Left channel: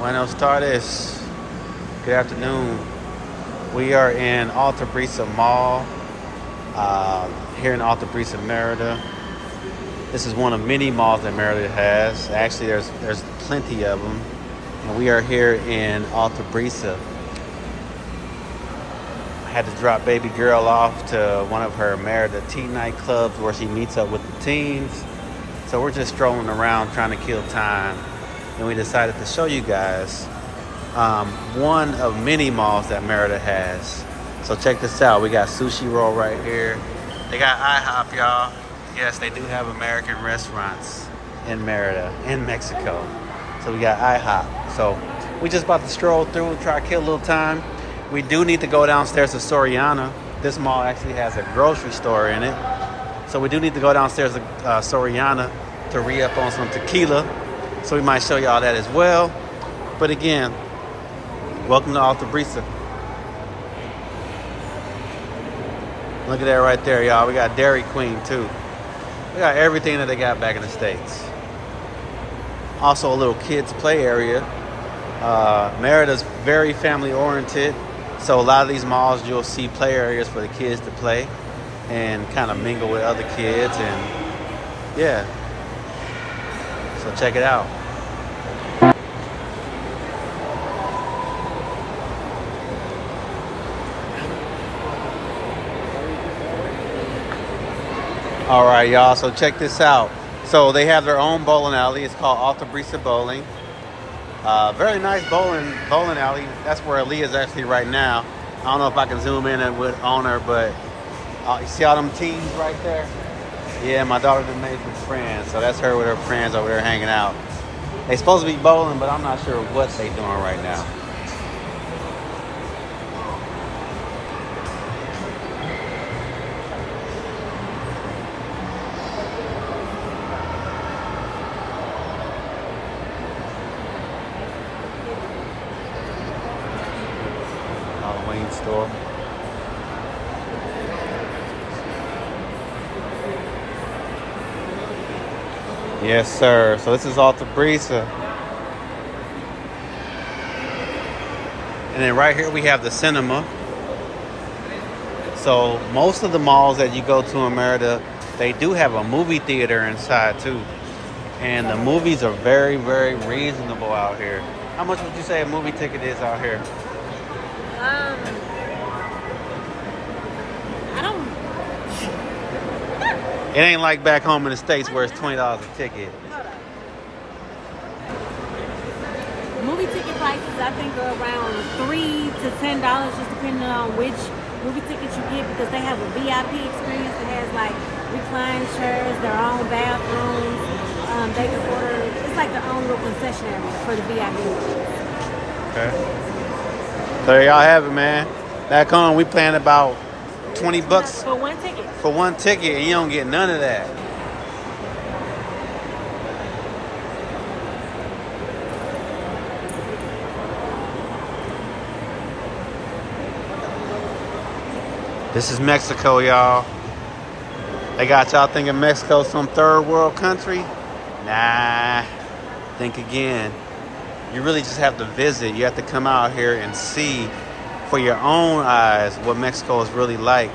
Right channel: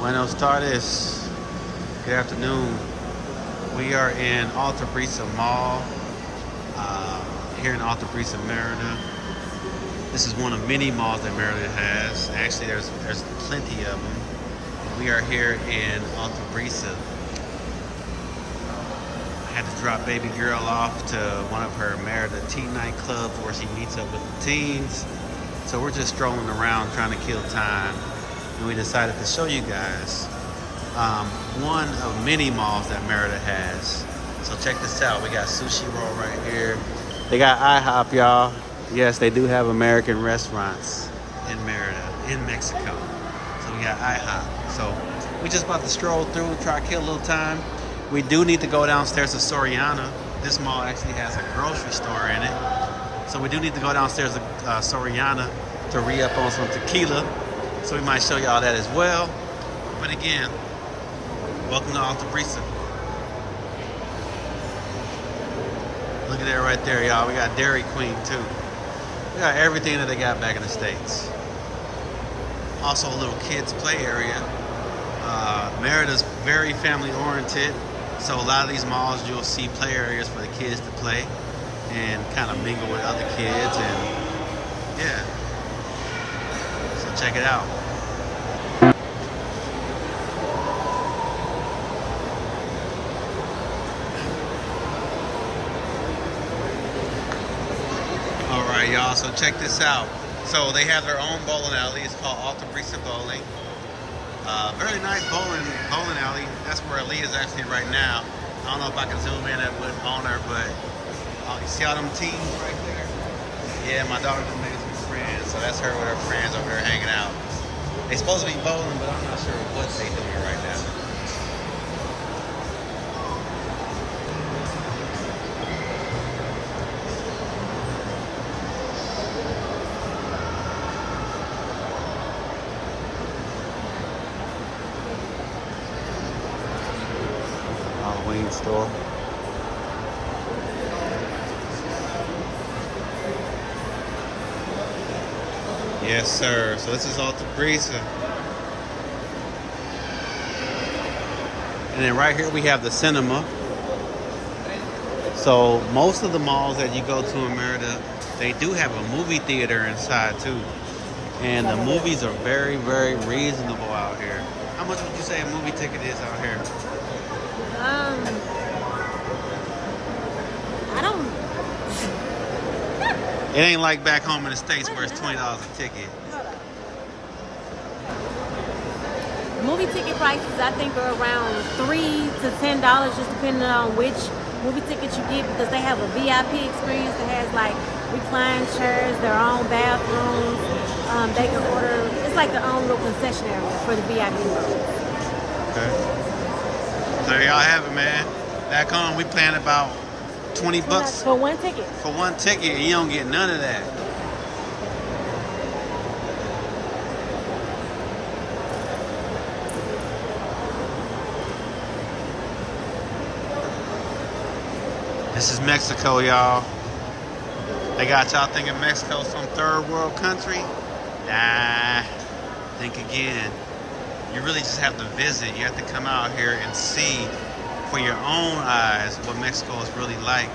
Buenos tardes. Good afternoon. We are in Alta Brisa Mall here in Alta Brisa, Merida. This is one of many malls that Merida has. Actually, there's plenty of them. And we are here in Alta Brisa. I had to drop baby girl off to one of her Merida tea nightclubs where she meets up with the teens. So we're just strolling around trying to kill time. And we decided to show you guys one of many malls that Merida has. So check this out. We got Sushi Roll right here. They got IHOP, y'all. Yes, they do have American restaurants in Merida, in Mexico. So we got IHOP. So we just about to stroll through and try to kill a little time. We do need to go downstairs to Soriana. This mall actually has a grocery store in it. So we do need to go downstairs to Soriana to re-up on some tequila. So we might show y'all that as well. But again, welcome to Alta Brisa. Look at that right there, y'all. We got Dairy Queen too. We got everything that they got back in the States. Also a little kids play area. Merida's very family oriented. So a lot of these malls you'll see play areas for the kids to play and kind of mingle with other kids, and yeah. So check it out. All right, y'all, so check this out. So they have their own bowling alley. It's called Alta Brisa Bowling. Very nice bowling alley. That's where Aaliyah is actually right now. I don't know if I can zoom in and on her, but you see all them teens right there? Yeah, my daughter just made some friends. So that's her with her friends over there hanging out. They supposed to be bowling, but I'm not sure what they doing right now. Halloween store. Yes, sir. So this is Alta Brisa. And then right here we have the cinema. So most of the malls that you go to in Merida, they do have a movie theater inside too. And the movies are very, very reasonable out here. How much would you say a movie ticket is out here? I don't. It ain't like back home in the States where it's $20 a ticket. Movie ticket prices, I think, are around $3 to $10, just depending on which movie ticket you get, because they have a VIP experience that has like recline chairs, their own bathrooms. They can order. It's like their own little concession area for the VIP ones. Okay. So there y'all have it, man. Back home, we paying about $20 for one ticket. For one ticket, and you don't get none of that. This is Mexico, y'all. They got y'all thinking Mexico's some third world country? Nah. Think again. You really just have to visit. You have to come out here and see for your own eyes what Mexico is really like.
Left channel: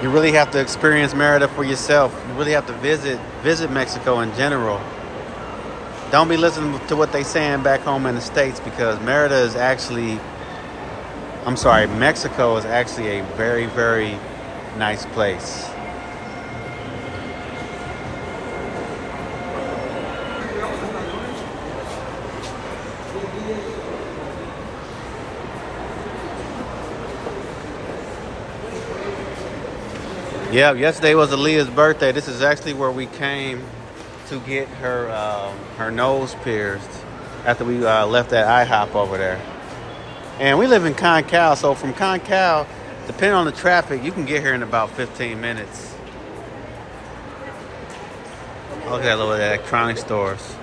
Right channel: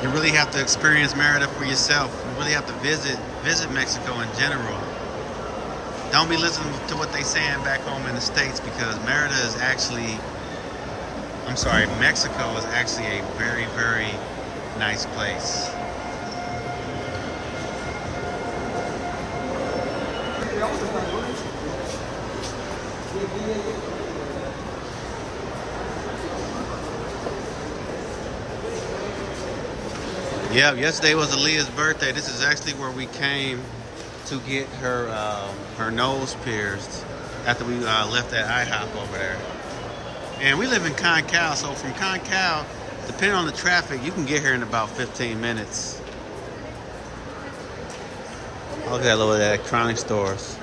You really have to experience Merida for yourself. You really have to visit Mexico in general. Don't be listening to what they saying back home in the States, because Merida is actually, Mexico is actually a very, very nice place. Yeah, yesterday was Aaliyah's birthday. This is actually where we came to get her nose pierced after we left that IHOP over there. And we live in Concal, so from Concal, depending on the traffic, you can get here in about 15 minutes. Look at that little electronic stores.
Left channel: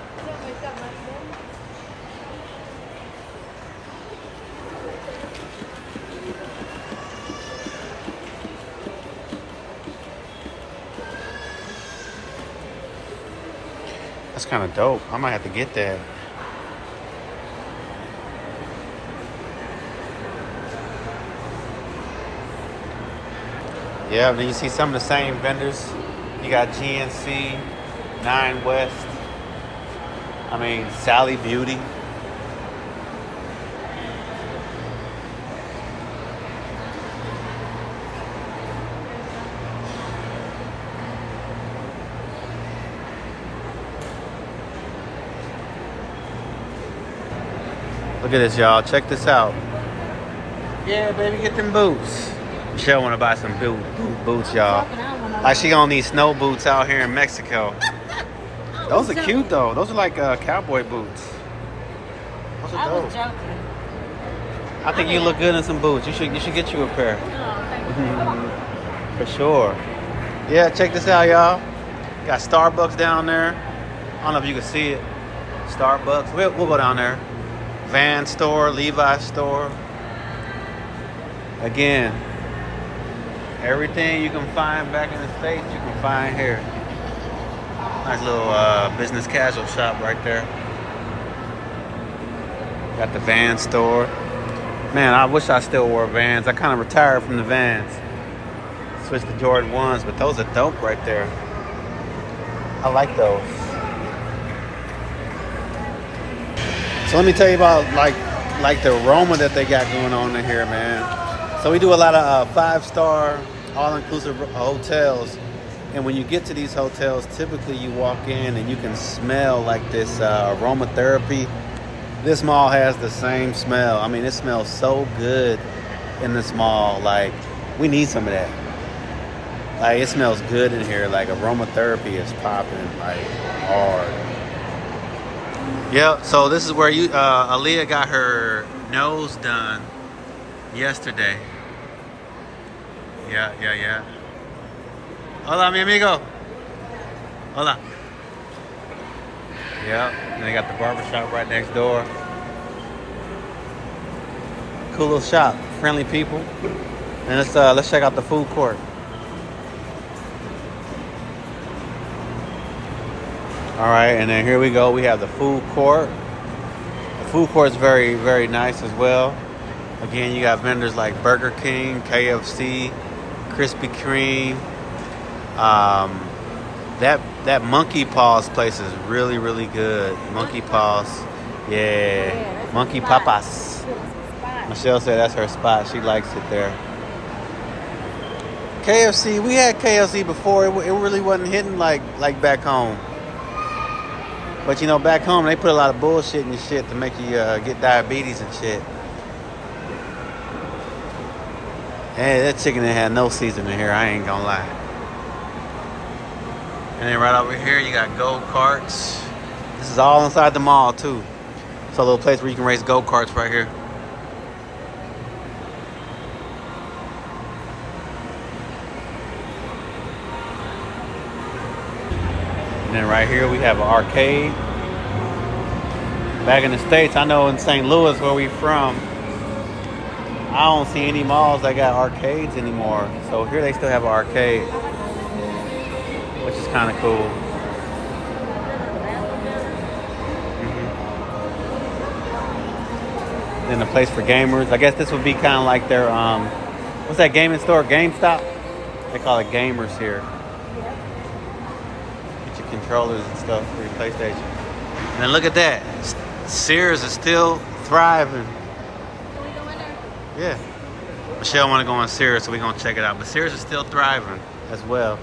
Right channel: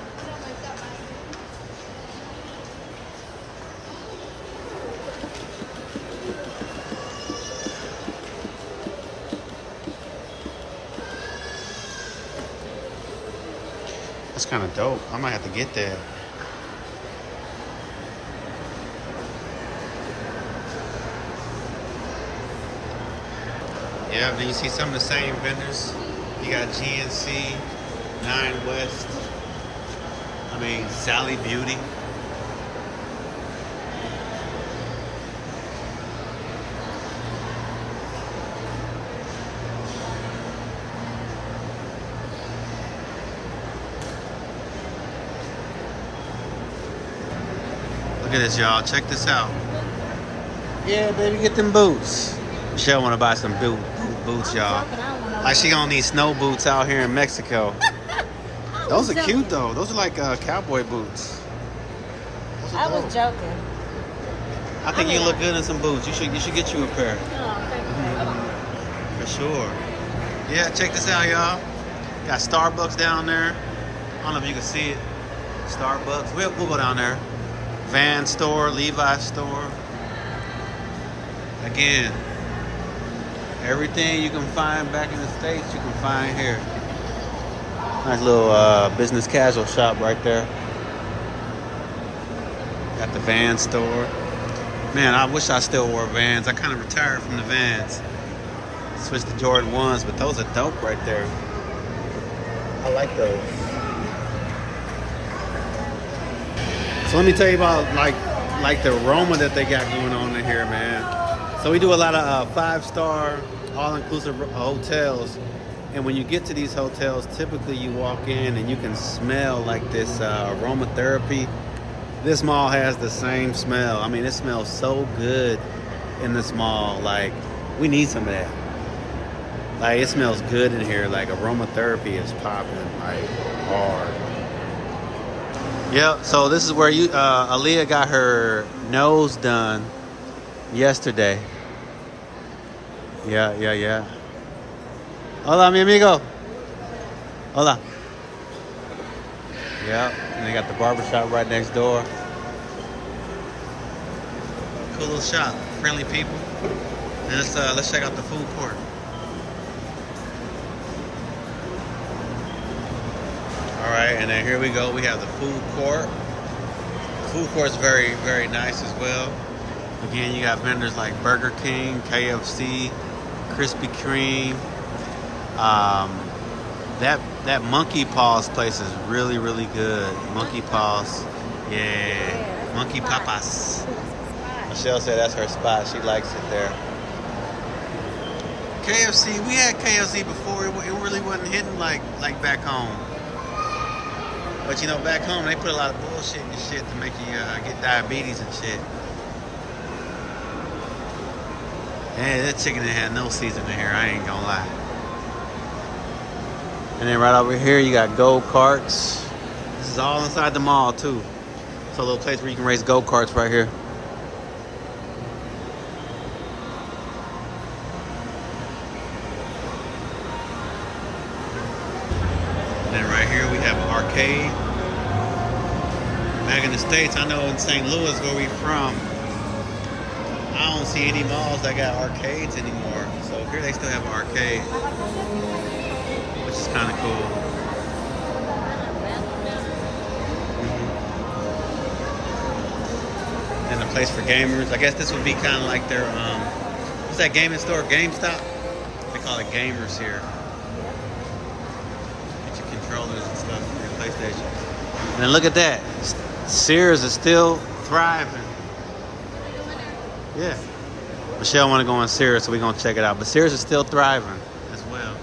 That's kind of dope. I might have to get that. Yeah, then you see some of the same vendors. You got GNC, Nine West. I mean, Sally Beauty. Look at this, y'all. Check this out. Yeah, baby, get them boots. Michelle want to buy some boots, y'all. Like she gonna need snow boots out here in Mexico. Those are cute though. Those are like cowboy boots. Those are dope. I was joking. I think you look good in some boots. You should get you a pair. For sure. Yeah, check this out, y'all. Got Starbucks down there. I don't know if you can see it. Starbucks. We'll go down there. Van store, Levi's store. Again, everything you can find back in the States, you can find here. Nice little business casual shop right there. Got the Van store. Man, I wish I still wore Vans. I kind of retired from the Vans. Switched to Jordan 1s, but those are dope right there. I like those. So let me tell you about like the aroma that they got going on in here, man. So we do a lot of 5-star, all-inclusive hotels. And when you get to these hotels, typically you walk in and you can smell like this aromatherapy. This mall has the same smell. I mean, it smells so good in this mall. Like, we need some of that. Like, it smells good in here. Like, aromatherapy is popping, like, hard. Yep, so this is where Aaliyah got her nose done yesterday. Yeah. Hola, mi amigo. Hola. Yep, and they got the barbershop right next door. Cool little shop, friendly people. And let's check out the food court. All right, and then here we go. We have the food court. The food court is very, very nice as well. Again, you got vendors like Burger King, KFC, Krispy Kreme. That Monkey Paws place is really, really good. Monkey Paws, yeah. Monkey Papas. Michelle said that's her spot. She likes it there. KFC, we had KFC before. It really wasn't hitting like back home. But you know, back home they put a lot of bullshit in your shit to make you get diabetes and shit. Hey, that chicken that had no seasoning here, I ain't gonna lie. And then right over here you got go-karts. This is all inside the mall too. It's a little place where you can race go-karts right here. And then right here we have an arcade. Back in the States, I know in St. Louis where we from, I don't see any malls that got arcades anymore. So here they still have an arcade, which is kind of cool. Then a place for gamers. I guess this would be kind of like their, what's that gaming store? GameStop? They call it gamers here. Get your controllers and stuff for your PlayStation. And then look at that. Sears is still thriving. Yeah. Michelle want to go on Sears, so we're going to check it out. But Sears is still thriving as well.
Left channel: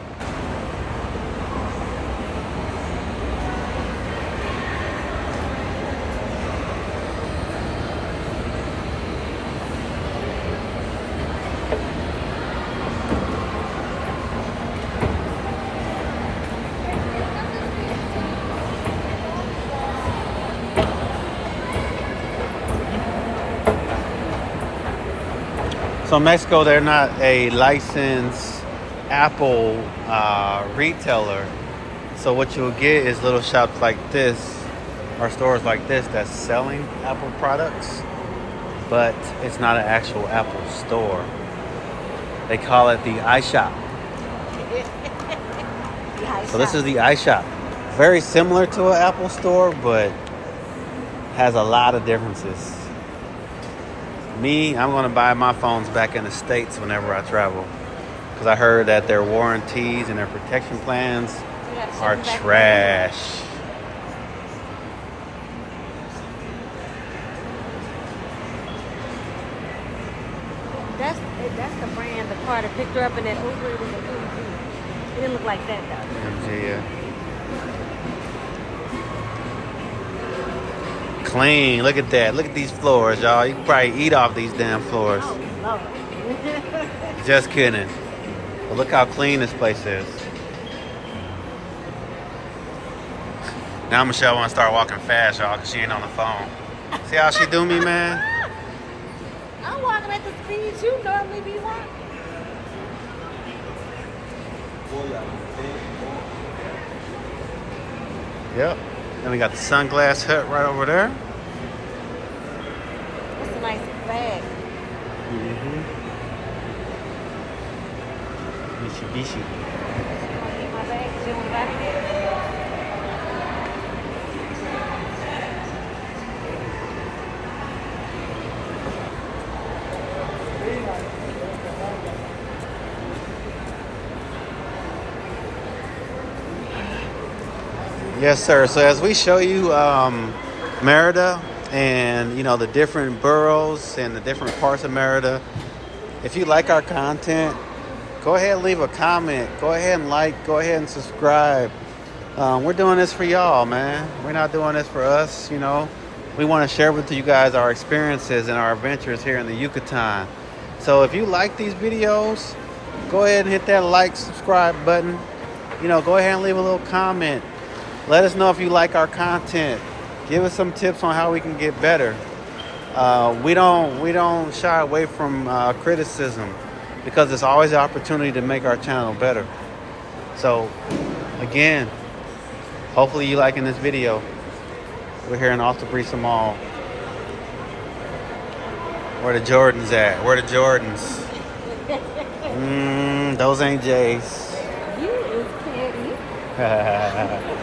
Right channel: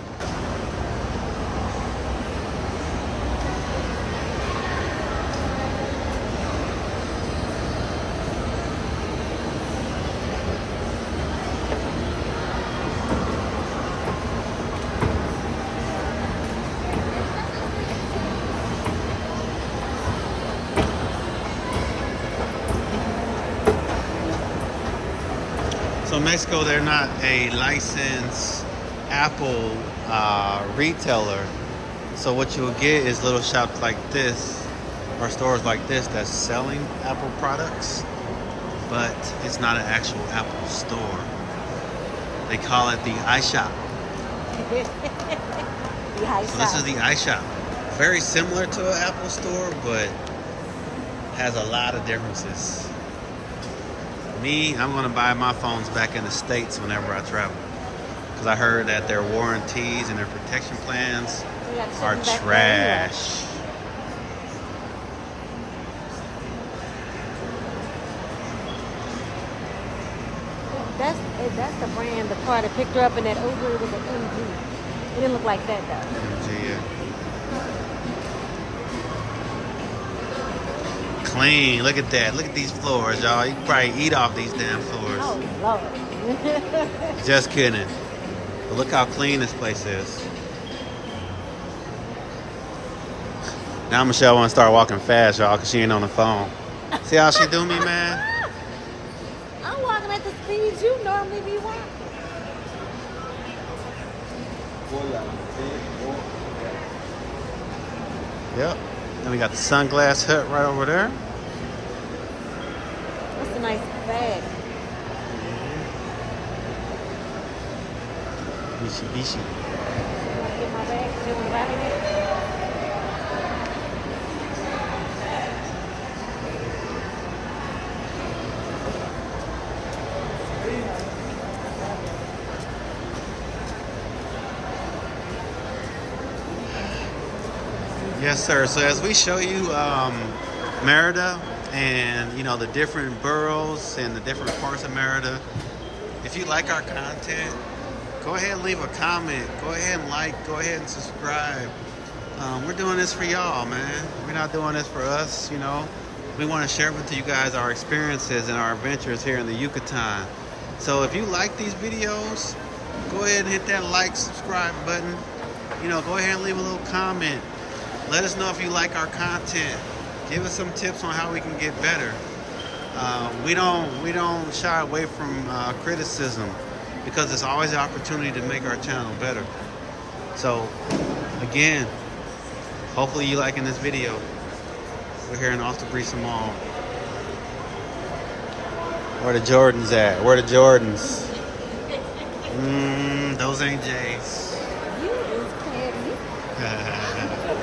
So Mexico, they're not a licensed Apple retailer. So what you'll get is little shops like this, or stores like this that's selling Apple products, but it's not an actual Apple store. They call it the iShop. So this is the iShop. Very similar to an Apple store, but has a lot of differences. Me, I'm going to buy my phones back in the States whenever I travel. Because I heard that their warranties and their protection plans are trash. That's the brand, the car that picked her up in that Uber. It didn't look like that though. Yeah. Clean. Look at that. Look at these floors, y'all. You can probably eat off these damn floors. Oh, Lord. Just kidding. But look how clean this place is. Now Michelle want to start walking fast, y'all, because she ain't on the phone. See how she do me, man? I'm walking at the speed you normally be walking. Yep. Then we got the Sunglass Hut right over there. It's a nice bag. Mitsubishi. Yes, sir. So as we show you Merida and, you know, the different boroughs and the different parts of Merida, if you like our content, go ahead and leave a comment. Go ahead and like. Go ahead and subscribe. We're doing this for y'all, man. We're not doing this for us, you know. We want to share with you guys our experiences and our adventures here in the Yucatan. So if you like these videos, go ahead and hit that like, subscribe button. You know, go ahead and leave a little comment. Let us know if you like our content. Give us some tips on how we can get better. We don't shy away from criticism because there's always an opportunity to make our channel better. So, again, hopefully you liking this video. We're here in Alta Brisa Mall. Where the Jordans at? Where the Jordans? Those ain't J's. You is petty.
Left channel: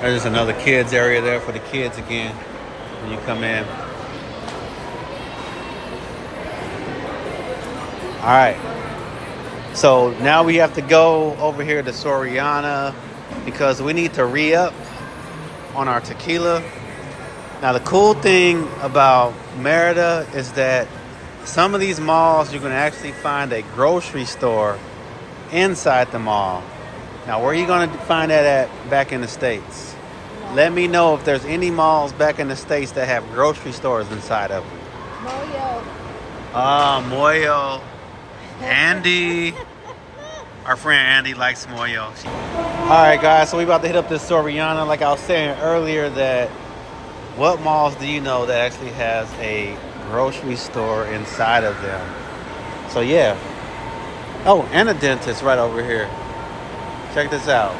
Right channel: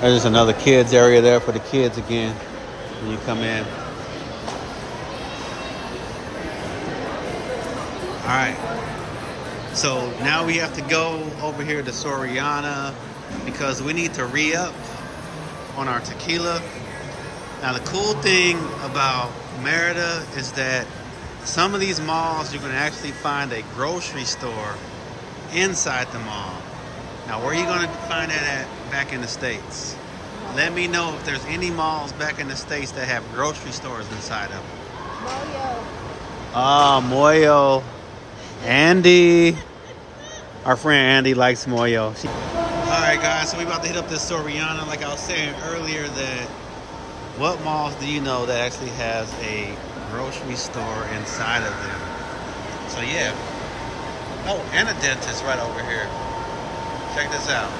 There's just another kids area there for the kids again when you come in. All right. So now we have to go over here to Soriana because we need to re-up on our tequila. Now the cool thing about Merida is that some of these malls you're going to actually find a grocery store inside the mall. Now, where are you going to find that at back in the States? Let me know if there's any malls back in the States that have grocery stores inside of them. Moyo. Andy. Our friend Andy likes Moyo. All right, guys, so we about to hit up this Soriana. Like I was saying earlier, that what malls do you know that actually has a grocery store inside of them? So, yeah. Oh, and a dentist right over here. Check this out.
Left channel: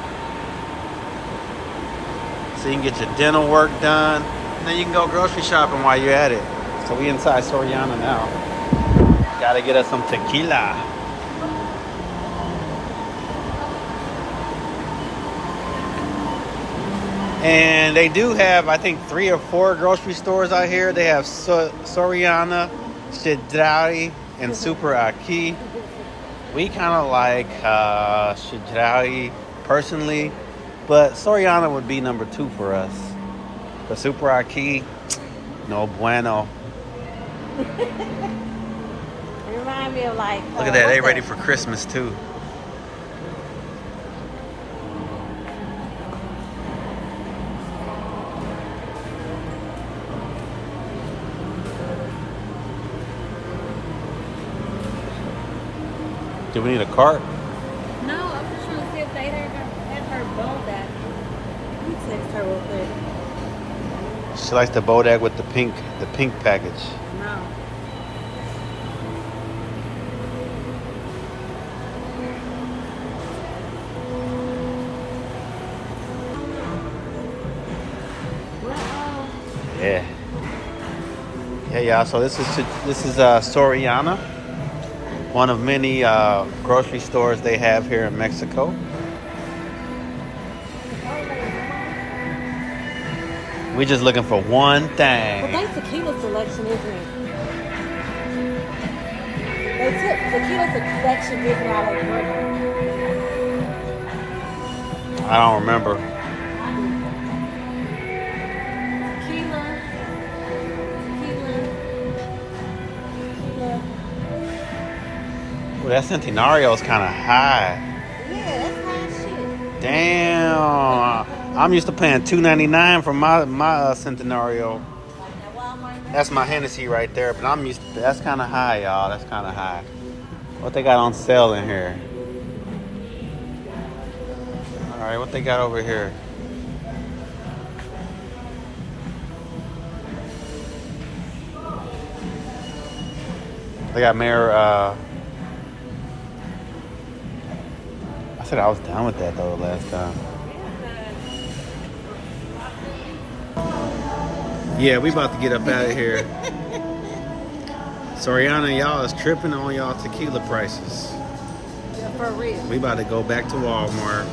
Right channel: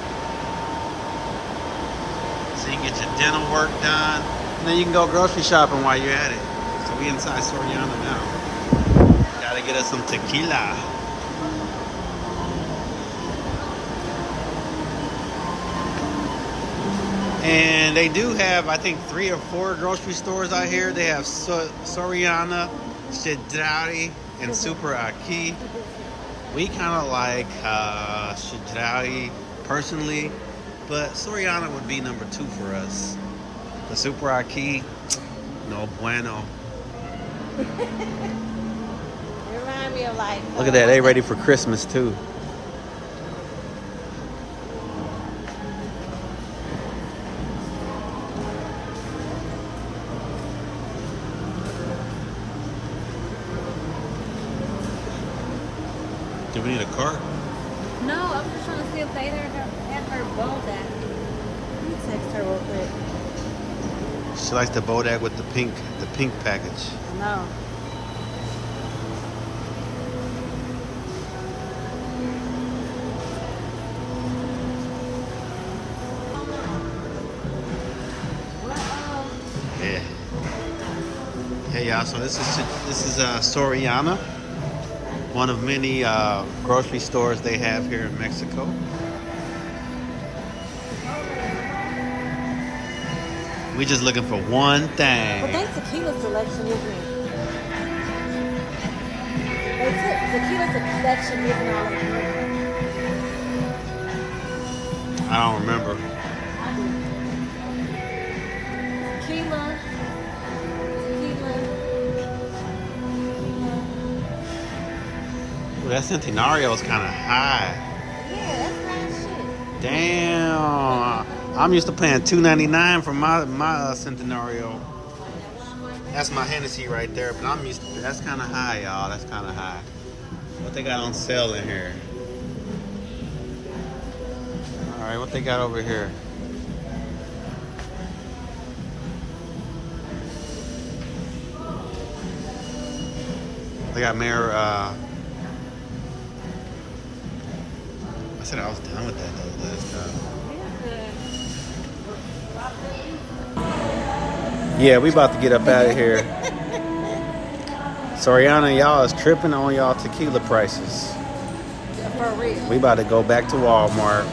So you can get your dental work done, and then you can go grocery shopping while you're at it. So we inside Soriana now. Gotta get us some tequila. And they do have, I think, 3 or 4 grocery stores out here. They have Soriana, Chedraui, and Super Aki. We kind of like Chedraui personally, but Soriana would be number 2 for us. The Super Aki, no bueno. It reminds me of like... Look at that, they ready for Christmas too. Do we need a cart? No, I was just trying to see if they had her Bodak. Let me text her real quick. She likes the Bodak with the pink package. I know. Yeah. Hey y'all, so this is Soriana, one of many grocery stores they have here in Mexico. We just looking for one thing. But they tequila selection, isn't it? They took tequila selection, isn't it? I don't remember. Tequila. Well, that Centenario is kind of high. Yeah, that's fine shit. Damn. I'm used to paying $2.99 for my Centenario. That's my Hennessy right there, but I'm used to, that's kind of high, y'all. That's kind of high. What they got on sale in here? All right, what they got over here? They got Mayor, I said I was done with that though last time. Yeah, we about to get up out of here. Soriana, y'all is tripping on y'all tequila prices. Yeah, for real. We about to go back to Walmart.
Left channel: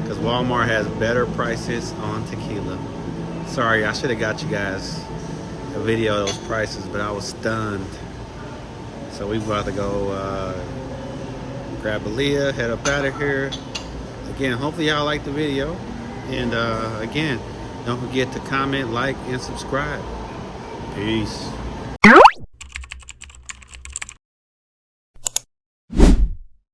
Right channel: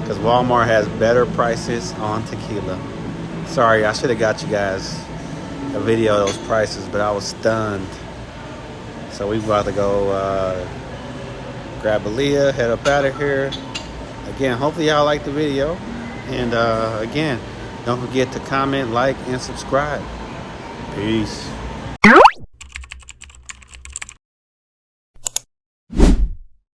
Because Walmart has better prices on tequila. Sorry, I should have got you guys a video of those prices, but I was stunned. So we about to go grab a Leah, head up out of here. Again, hopefully y'all like the video. And again, don't forget to comment, like, and subscribe. Peace.